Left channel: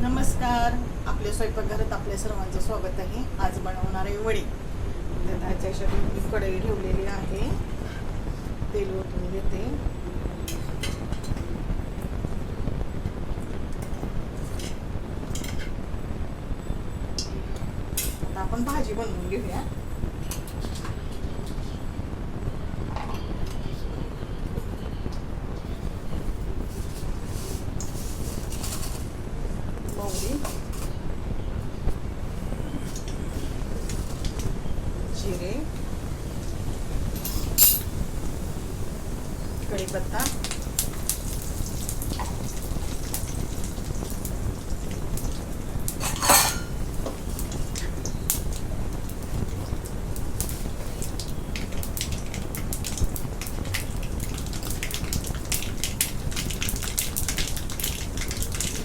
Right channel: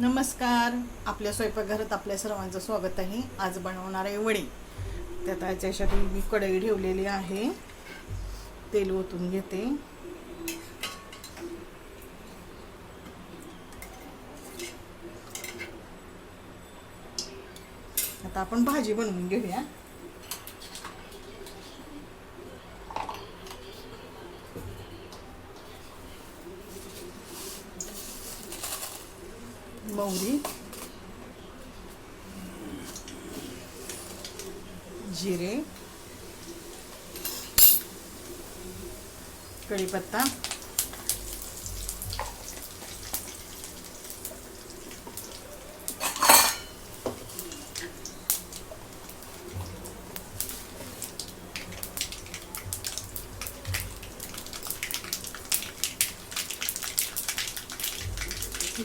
नमस्कार. आपल्या स्वयंपाकघरात आपल्या सर्वांचं स्वागत आहे. आज बनवणार आहे वडी. त्यात ह्याच्या मी कढई ठेवलेली आहे. तेल ओतून घेते. आता आपण भाजी बनवून घेऊया. जिरे कढीपत्ता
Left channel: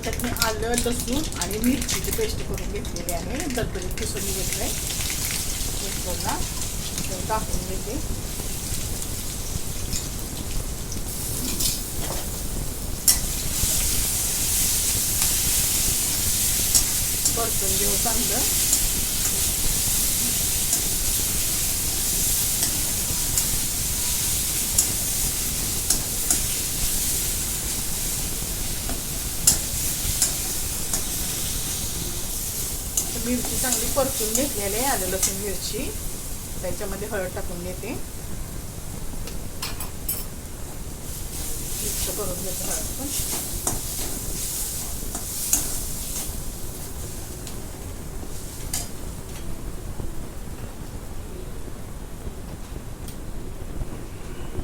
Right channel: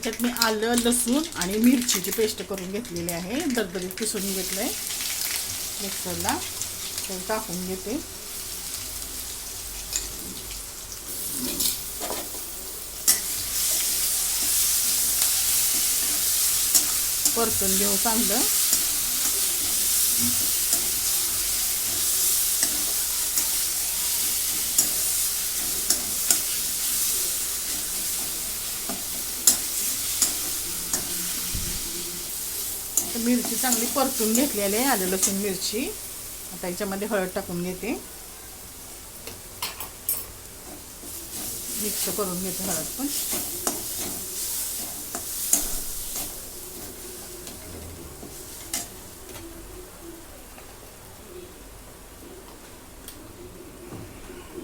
त्यात मी आलं लसूण आणि मिरचीची पेस्ट करून घेतलेली आहे दरदरीत किसून घेतलं आहे मिक्सरला टाकून घेते परतून घेऊ चांगलं मिरची चांगली परतून घेतलेली आहे आलं लसूण मिरची. आता याच्यामध्ये हळद टाकून घेते. मिक्स करून घेते हळद पण.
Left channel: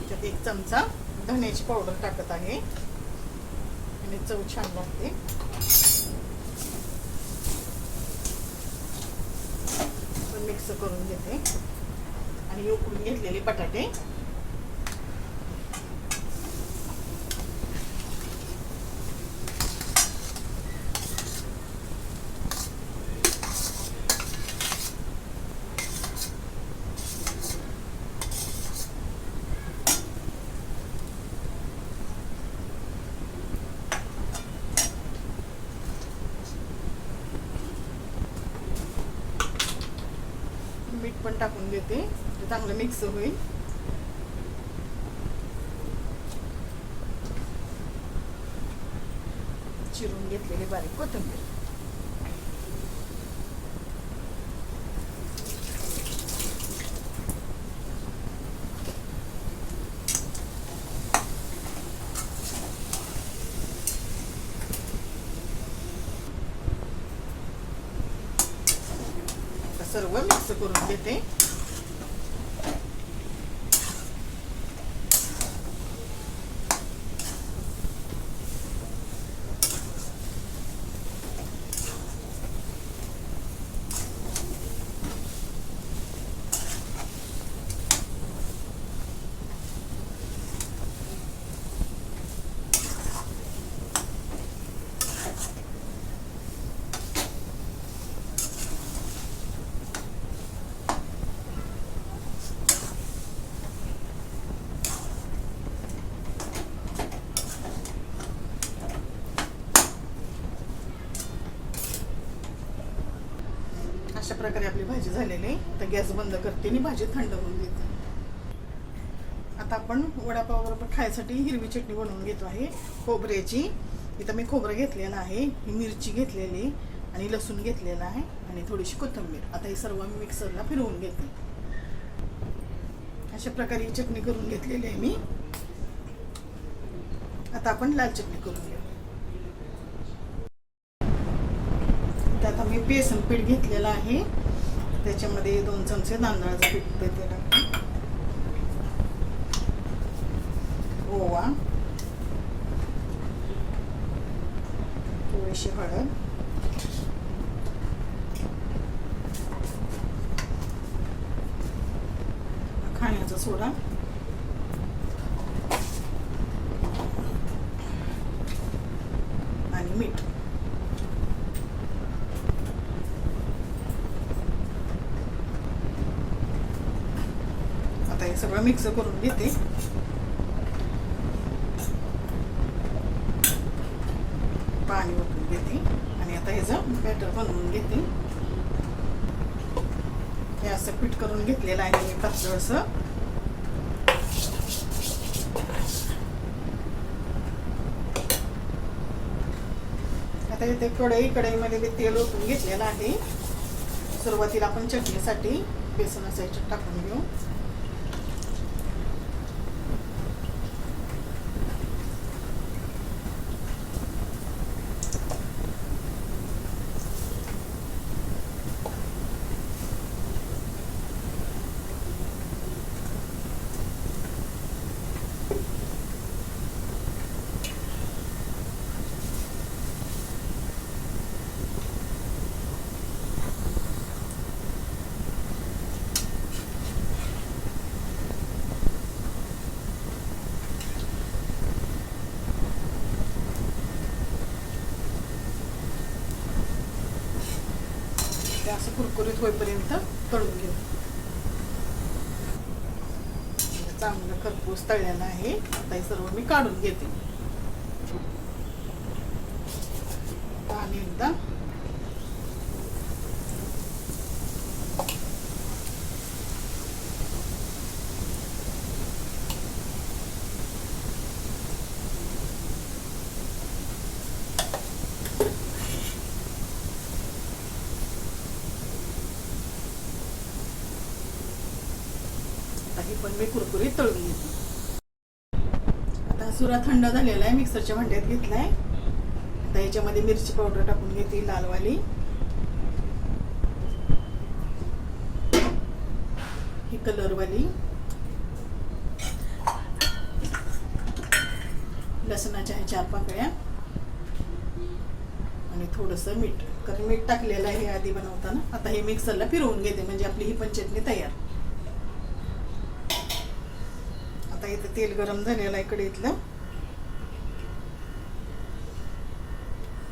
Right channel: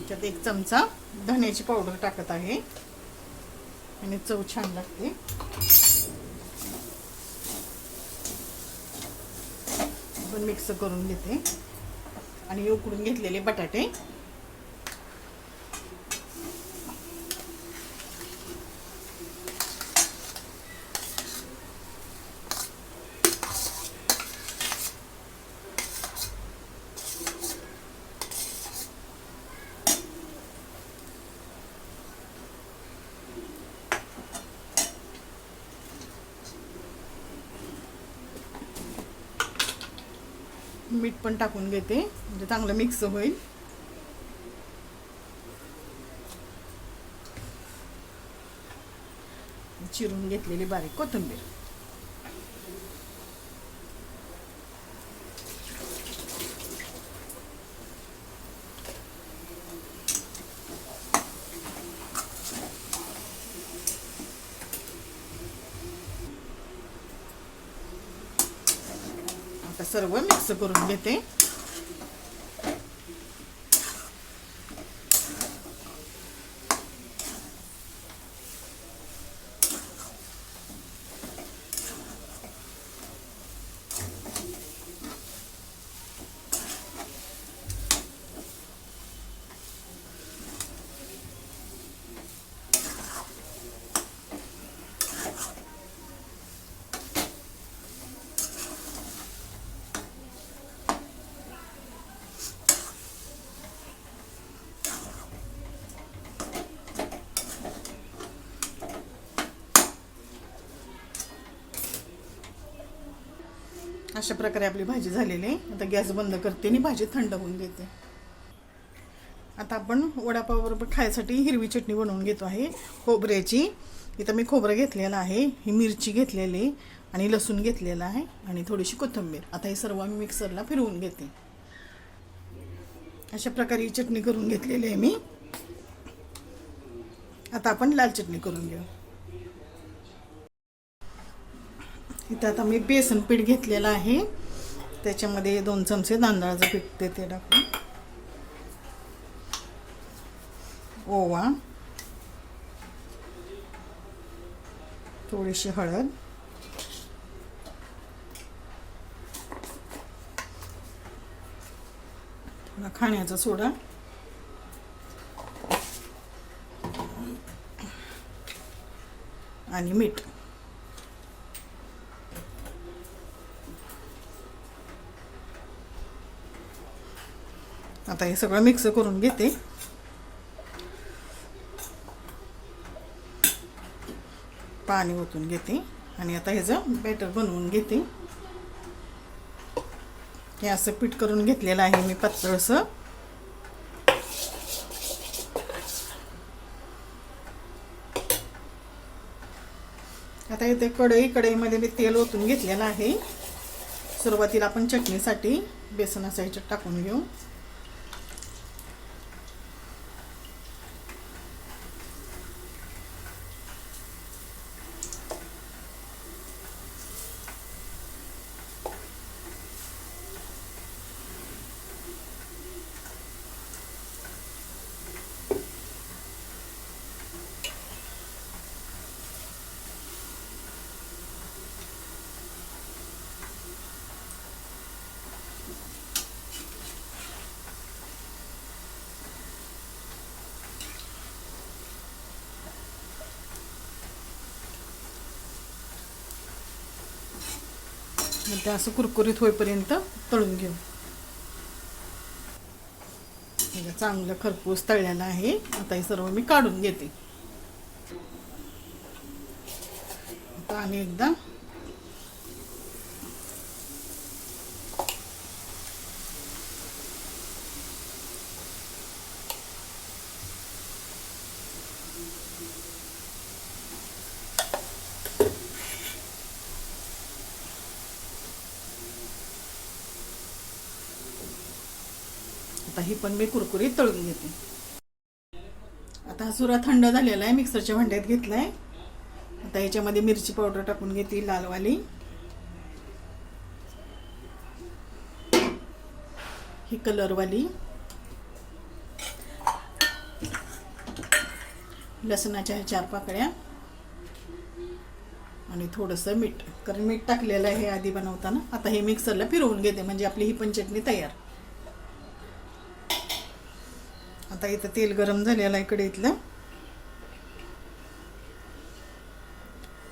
त्यात एक चमचा धण्याची पावडर टाकत आहे. आणि चव छान लागते. मिक्स करून घेते. आणि उकडून घेतलेले बटाटे. मीठ पण टाकून घेते. म्हणजे चांगलं मिक्स होईल. चिरून घेतलेली बारीक कोथिंबीर. सर्व मिक्स करून घेते. अशा प्रकारे आपली भाजी झालेली आहे. आता गॅस बंद करते आणि भाजी थंड होऊन देते. आता आपण वडापावबरोबर खायसाठी हिरवी चटणी बनवून घेतो आहे. खोबऱ्याची. इथं मी खोबरं घेतलेलं आहे. ही मिरची घेतलेली आणि लसूण घेतलेलं आहे आणि थोडीशी कोथिंबीर. आता हे सर्व मी मिक्सरला फिरवून घेते. अशा प्रकारे ही चटणी करून घेतलेली आहे मी. आता आपण लाल चटणी करून घेऊ. इथं आता मी बेसन पीठ घेतलेलं आहे. त्याच्यामध्ये दोन चमचे तांदळाचं पीठ देते टाकून ओवा. थोडीशी हळद. खाण्याचा सोडा. आणि मीठ. हे सगळं मिक्स करून घेते. पाणी ओतून घेते. आणि आता ह्याचं बॅटर बनवून घेते. हे असं पीठ करून घेतलेलं आहे मी पातळसं. आता इथे कढई कढईमध्ये मी तेल ओतून घेतलेलं आहे. सुरुवातीला आपण चटणीसाठी बेसनाचा ह्याच्यात टाकून घेऊ. ते असं कुरकुरीत होईपर्यंत तळून घेऊ. म्हणजे चांगलं खरपूस तळलेलं आहे. आता हे सर्व मी काढून घेते. आणि एकदा आता ही पण मी कुरकुरीत तळून घेते. आता सुरा थंड झालेला आहे मिक्सरच्या भांड्यात घेतलाय. आता याच्यामध्ये मिरची पावडर टाकून घेते लालवाली. ही कलरवाली. लसणाच्या ह्या चार पाकळ्या आणि थोडंसं मीठ. कारण मीठ टाकलेलं आहे आधी बनवताना. आता हे मिक्सरला फिरवून घेते म्हणजे आपली ही पण चटणी तयार. आता इथं तेल गरम झालेलं आहे कढईतलं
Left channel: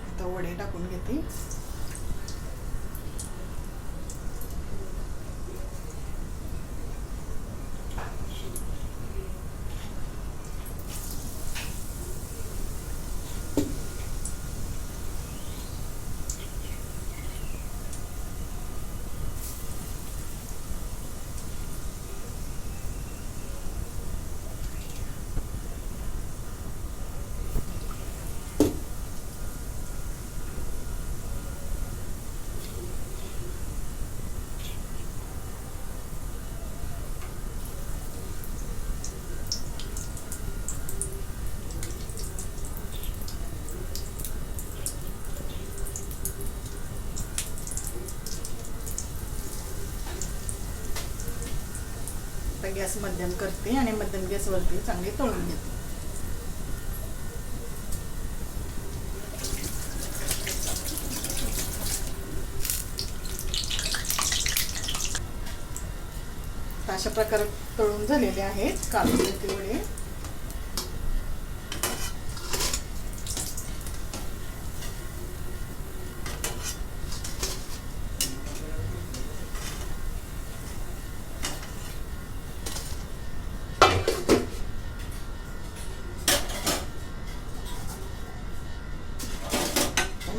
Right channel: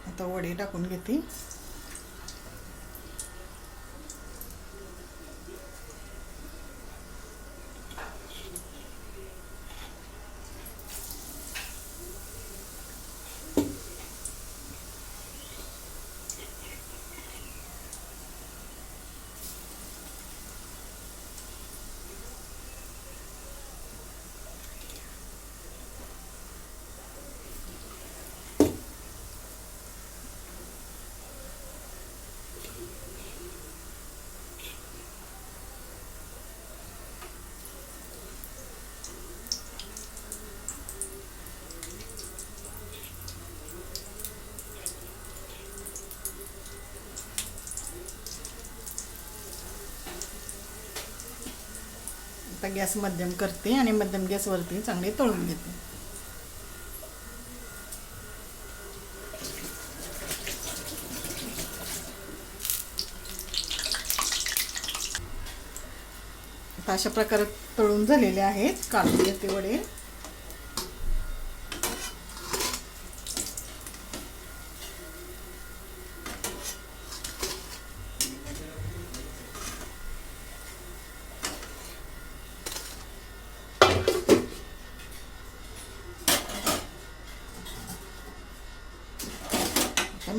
आता वडे टाकून घेते. आता गॅस मध्यम करते आणि मध्यम गॅसवरती चांगले तळून घेते. अशा प्रकारे तळून झालेले आहेत काढून घेते वडे.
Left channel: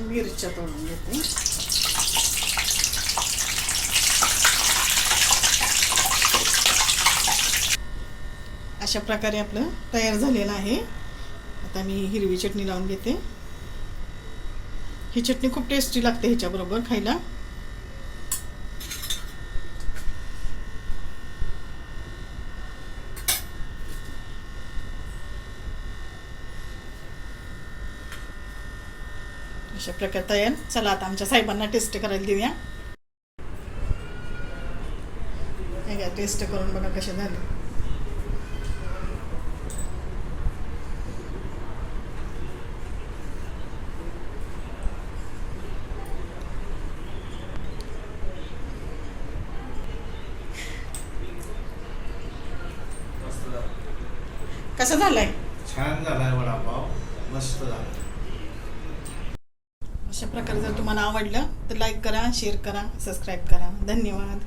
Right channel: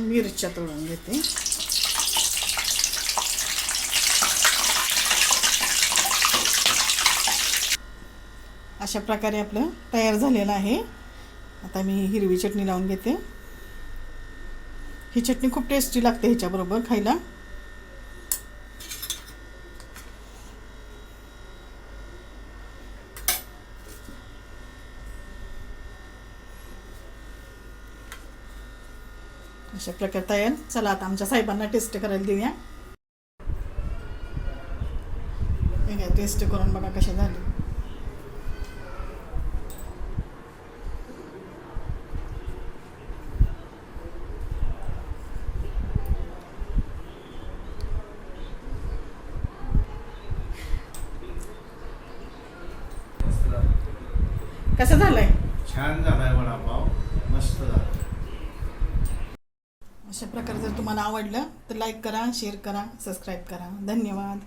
मिरच्या तळून घेते. अशा प्रकारे आपलं तयार झालेलं आहे. आता मी हिरवी चटणी लावून घेते. ही चटणी खूप टेस्टी लागते ह्याच्याबरोबर खायला. अशा प्रकारे तयार चला आता आमच्या साहेबांना टेस्ट करायला देऊया. हे टेस्ट करून बघा कसे झालं. कसं झालंय? छान झालाय वडापाव. मस्त झाला. अशा प्रकारे जर तुम्हाला आवडलं तर लाईक करा शेअर करा सबस्क्राईब करा. धन्यवाद.